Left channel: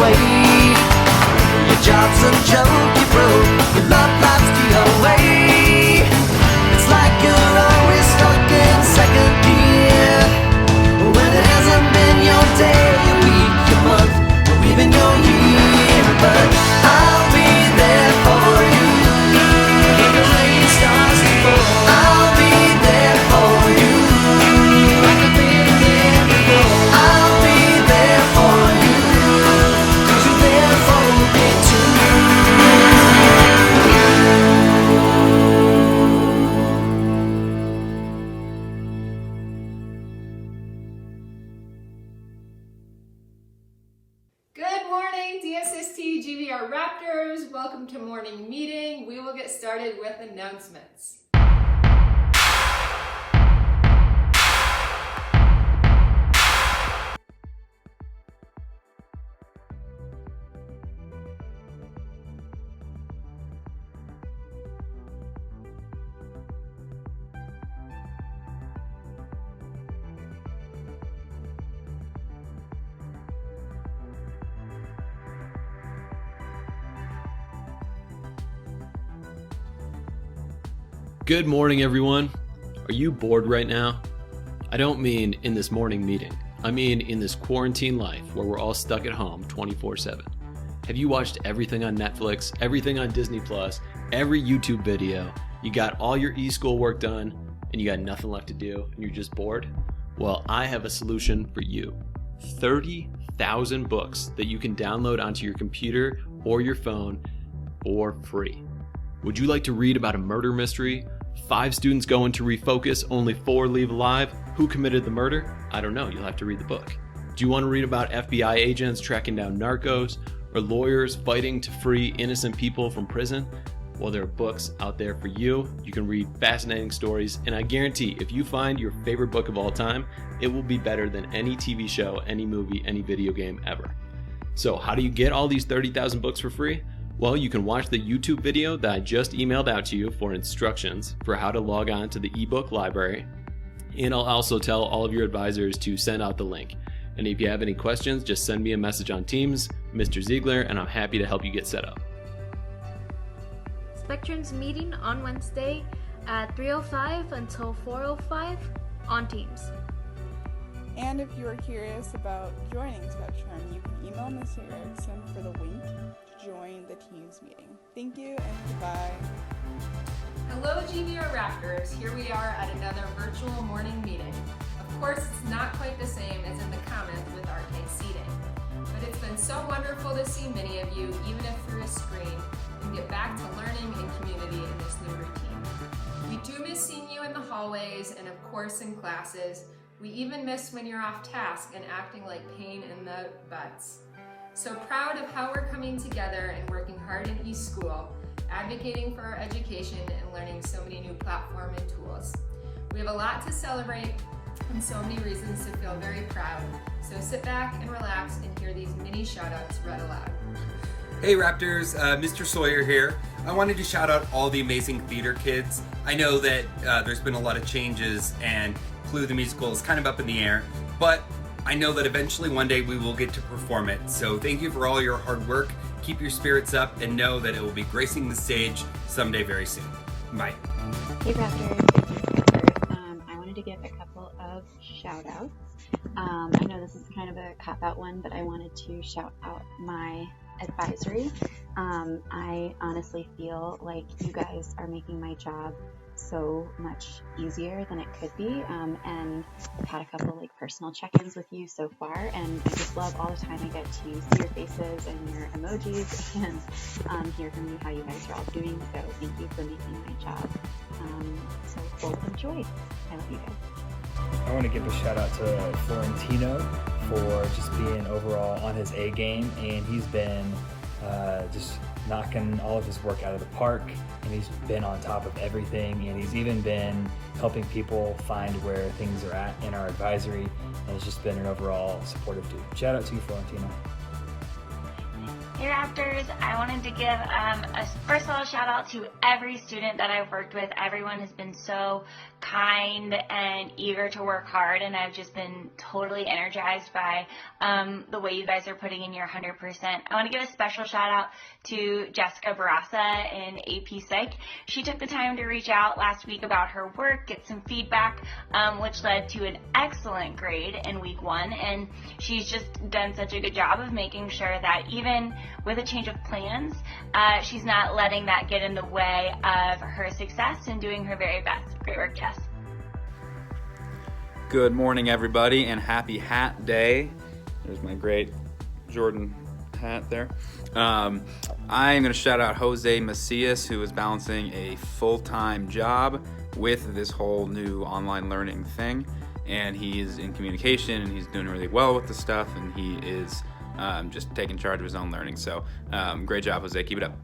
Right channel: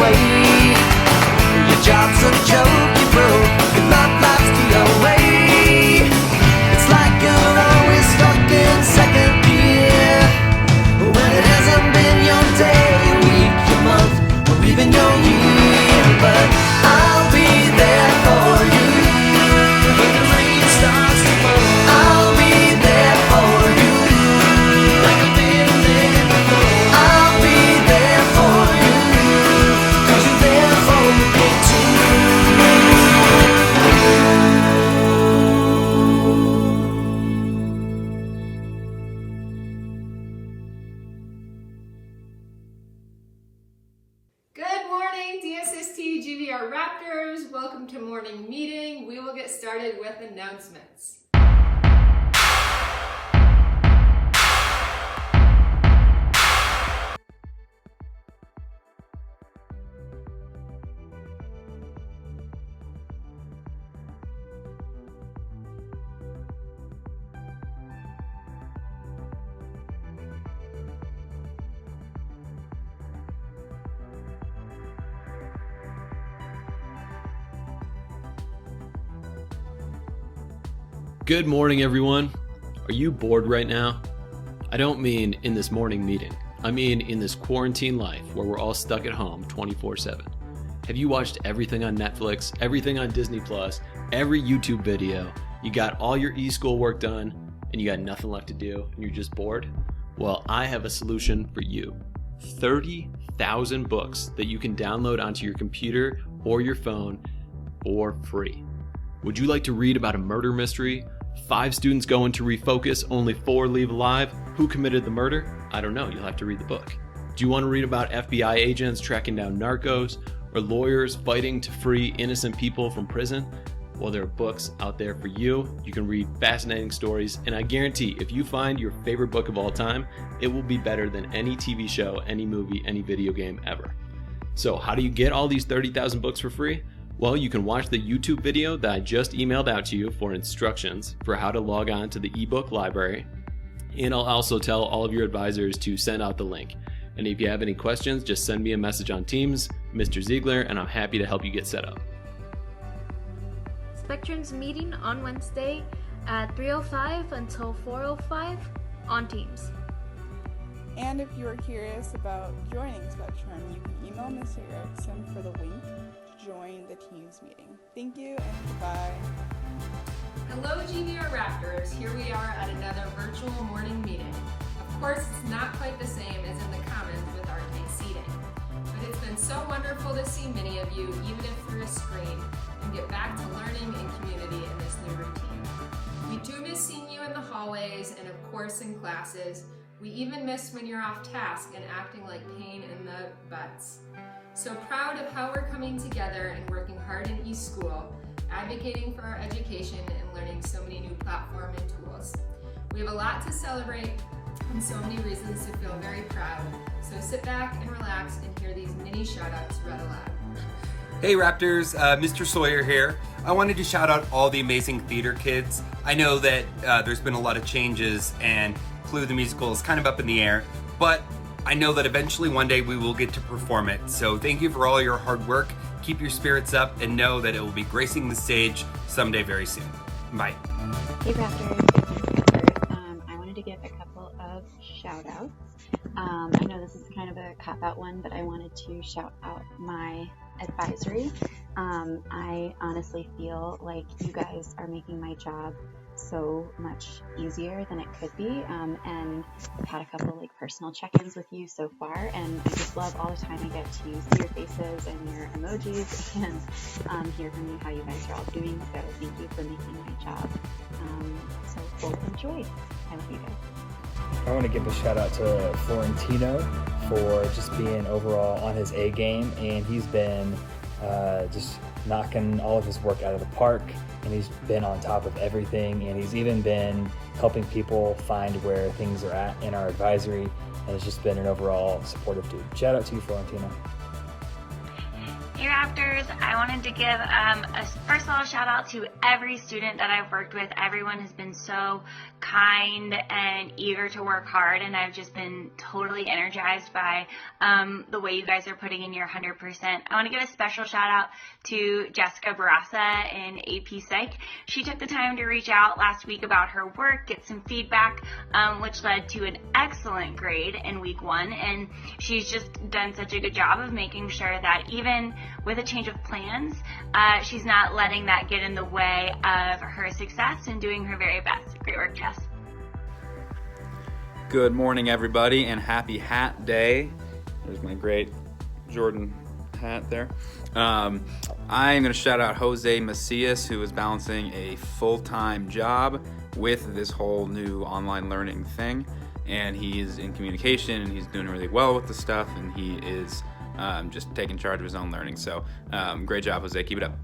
way. Your job's a joke, you broke, your love life's the away. It's like you're always stuck in second gear, when it hasn't been your day, your week, your month, or even your year. But I'll be there for you when the rain starts to fall. I'll be there for you. I've been there before. I'll be there for you, 'cause you're there for me too. Good morning, DSST GVR Raptors. Welcome to morning meeting. We will get started with announcements. Good morning, everyone. Are you bored right now? I don't mean in this morning meeting. I mean in this quarantine life where we're all stuck at home 24/7. Have you watched everything on Netflix, everything on Disney Plus, every YouTube video? You got all your e-school work done and you got nothing left to do and you're just bored? Well, I have a solution for you. 30,000 books that you can download onto your computer or your phone for free. Would you like to read about a murder mystery? 5 students go into refocus, only 4 leave alive. Who committed the murder? I don't know, you'll have to read the book. Do you want to read about FBI agents tracking down narcos or lawyers fighting to free innocent people from prison? Well, there are books out there for you. You can read fascinating stories, and I guarantee if you find your favorite book of all time, it will be better than any TV show, any movie, any video game ever. So how do you get all these 30,000 books for free? Well, you can watch the YouTube video that I just emailed out to you for instructions for how to log on to the ebook library. And I'll also tell all of your advisors to send out the link. And if you have any questions, just send me a message on Teams, Mr. Ziegler, and I'm happy to help you get set up. Spectrum's meeting on Wednesday at 3:05 until 4:05 on Teams. And if you are curious about joining Spectrum, you can email Mr. Erickson for the link to join the Teams meeting. Thank you and goodbye. Hello, GVR Raptors. Here we are at another virtual morning meeting. Of course, it's not quite the same as in the Commons with arcade seating, but it's been so wonderful to see many of you, even if through a screen, and get back to learning and community in this new routine. We do miss seeing you in the hallways and of course in classes. We even miss when you're off task and acting like pain in the butts. So proud of how we're coming together and working hard in eSchool, advocating for our education and learning so many new platform and tools. We have a lot to celebrate and so many reasons to feel very proud. So sit back and relax and hear these mini shout outs read aloud. Hey Raptors, Mr. Sawyer here. I wanted to shout out all the amazing theater kids. I know that there's been a lot of changes and Clue the Musical is kind of up in the air, but I know that eventually one day we will get to perform it. So thank you for all your hard work. Keep your spirits up and know that it will be gracing the stage someday very soon. Bye. Hey Raptors, it's Amber. I wanted to give a couple of shout outs. I know this is kind of a cop-out one, but I wanted to shout out my advisory. I honestly feel like you guys are making my job so much easier than it could be, and I've had a couple like personal check-ins with you so far, and I just love all the time I get to see your faces and your emojis and hear from you how you guys are all doing. So thank you for making my job so full of joy. I love you guys. I want to give a shout out to Florentino for just being overall on his A game, and he's been just knocking all of his work out of the park, and he's been on top of everything, and he's even been helping people find where things are at in our advisory, and it's just been an overall supportive dude. Shout out to you, Florentino. Hey Raptors. I wanted to give first of all a shout out to every student that I've worked with. Everyone has been so kind and eager to work hard, and I've just been totally energized by the way you guys are putting in your 100%. I want to give a special shout out to Jessica Barassa in AP Psych. She took the time to reach out last week about her work, get some feedback, which led to an excellent grade in week 1, and she's just done such a good job of making sure that even with a change of plans, she's not letting that get in the way of her success and doing her very best. Great work, Jess. Good morning, everybody, and happy Hat Day. There's my great Jordan hat there. I'm going to shout out Jose Macias, who is balancing a full-time job with this whole new online learning thing. And he is in communication, and he's doing really well with the stuff, and he is just taking charge of his own learning. So great job, Jose. Keep it up.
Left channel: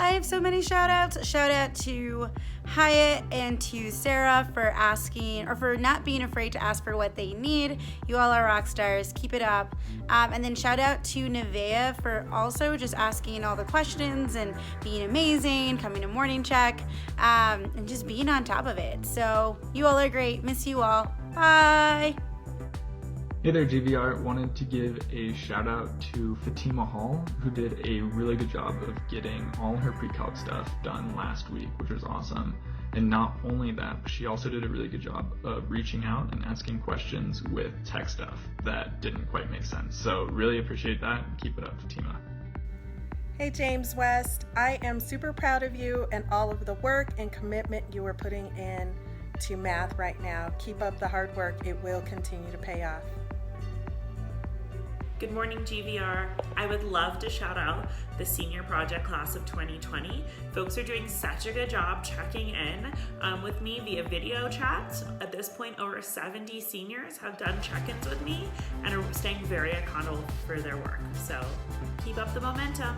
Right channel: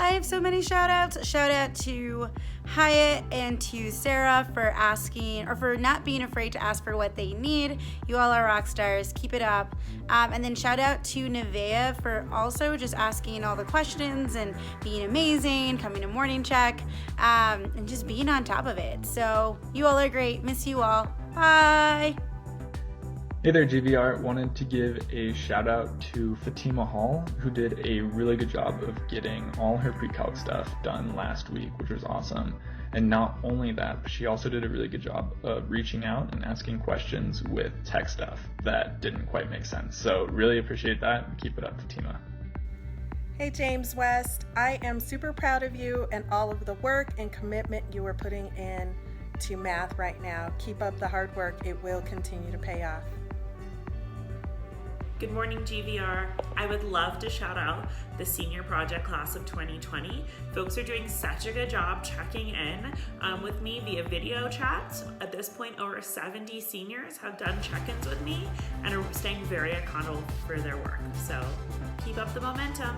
I have so many shout outs. Shout out to Hyatt and to Sarah for asking, or for not being afraid to ask for what they need. You all are rock stars. Keep it up. And then shout out to Nevaeh for also just asking all the questions and being amazing, coming to morning check, and just being on top of it. So you all are great. Miss you all. Bye. Hey there, GVR. Wanted to give a shout out to Fatima Hall, who did a really good job of getting all her pre-calc stuff done last week, which was awesome. And not only that, but she also did a really good job of reaching out and asking questions with tech stuff that didn't quite make sense. So really appreciate that, and keep it up, Fatima. Hey James West, I am super proud of you and all of the work and commitment you are putting in to math right now. Keep up the hard work. It will continue to pay off. Good morning, GVR. I would love to shout out the senior project class of 2020. Folks are doing such a good job checking in with me via video chat. At this point, over 70 seniors have done check-ins with me and are staying very accountable for their work. So keep up the momentum.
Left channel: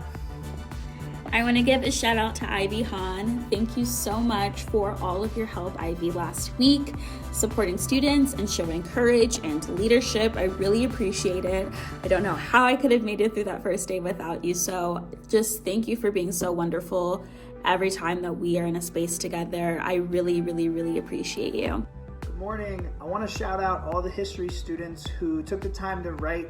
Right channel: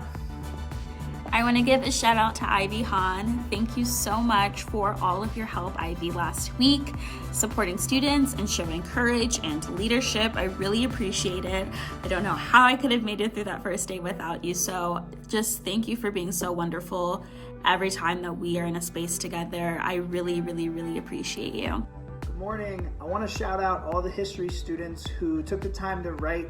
I want to give a shout out to Ivy Hahn. Thank you so much for all of your help, Ivy, last week, supporting students and showing courage and leadership. I really appreciate it. I don't know how I could have made it through that first day without you. So just thank you for being so wonderful every time that we are in a space together. I really, really, really appreciate you. Good morning. I want to shout out all the history students who took the time to write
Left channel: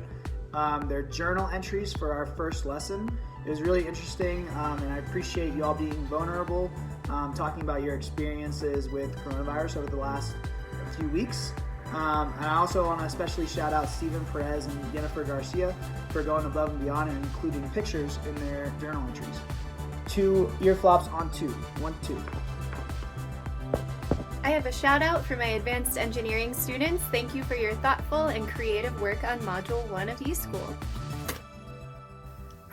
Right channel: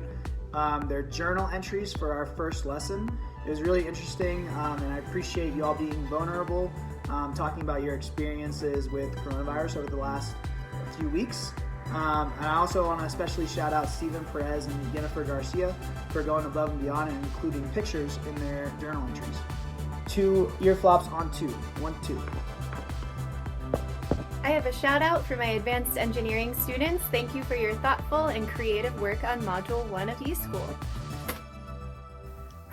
their journal entries for our first lesson. It was really interesting, and I appreciate you all being vulnerable, talking about your experiences with coronavirus over the last few weeks. And I also want to especially shout out Stephen Perez and Jennifer Garcia for going above and beyond and including pictures in their journal entries. 2 ear flops on 2. 1, 2. I have a shout out for my advanced engineering students. Thank you for your thoughtful and creative work on Module 1 of eSchool.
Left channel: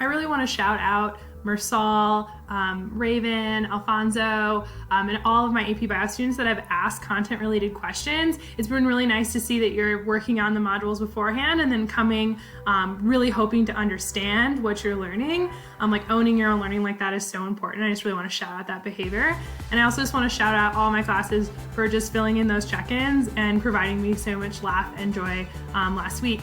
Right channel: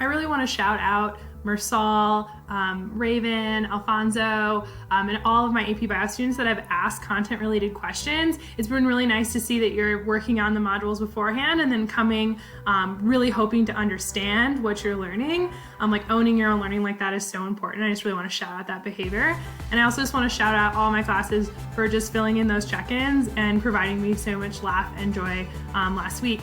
I really want to shout out Mersal, Raven, Alfonso, and all of my AP Bio students that have asked content-related questions. It's been really nice to see that you're working on the modules beforehand and then coming really hoping to understand what you're learning. Like owning your own learning like that is so important. I just really want to shout out that behavior. And I also just want to shout out all my classes for just filling in those check-ins and providing me so much laugh and joy last week.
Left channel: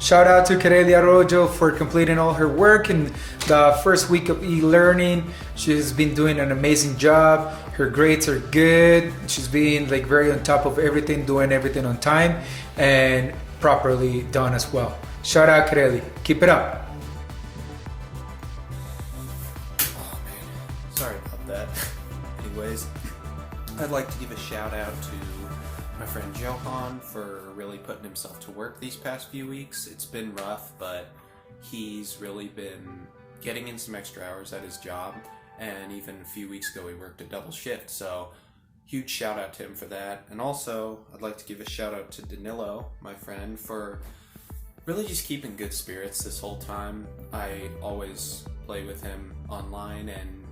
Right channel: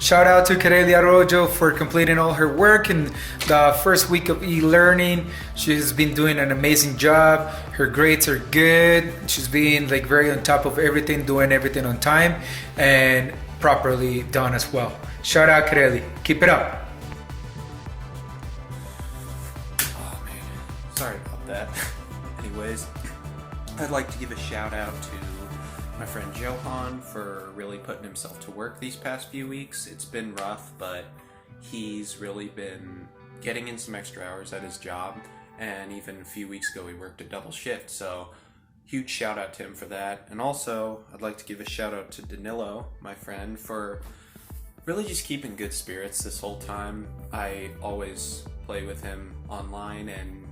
Shout out to Karelia Arroyo for completing all her work in the first week of e-learning. She's been doing an amazing job. Her grades are good. She's being like very on top of everything, doing everything on time and properly done as well. Shout out Karelia. Keep it up. Oh man, sorry about that. Anyways, I'd like to give a shout out to my friend Johan for really putting himself to work these past few weeks. It's been rough, but he's really been getting in some extra hours at his job, and even a few weeks ago he worked a double shift, so huge shout out to him for that. And also I'd like to give a shout out to Danilo, my friend, for really just keeping good spirits this whole time. I always play with him online, and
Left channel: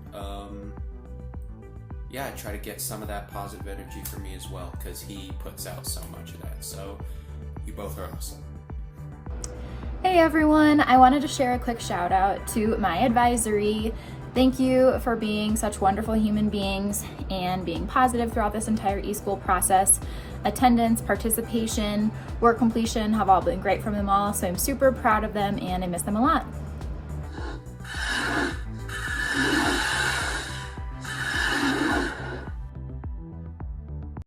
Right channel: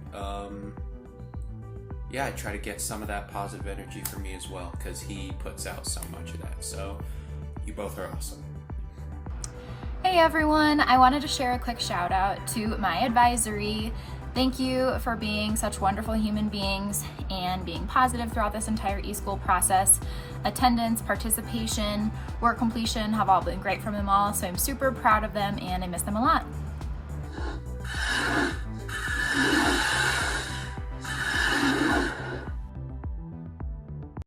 yeah, I try to get some of that positive energy for me as well, because he puts out so much of that. So you both are awesome. Hey everyone, I wanted to share a quick shout out to my advisory. Thank you for being such wonderful human beings and being positive throughout this entire eSchool process. attendance, participation, work completion have all been great from them all, so I'm super proud of them and I miss them a lot.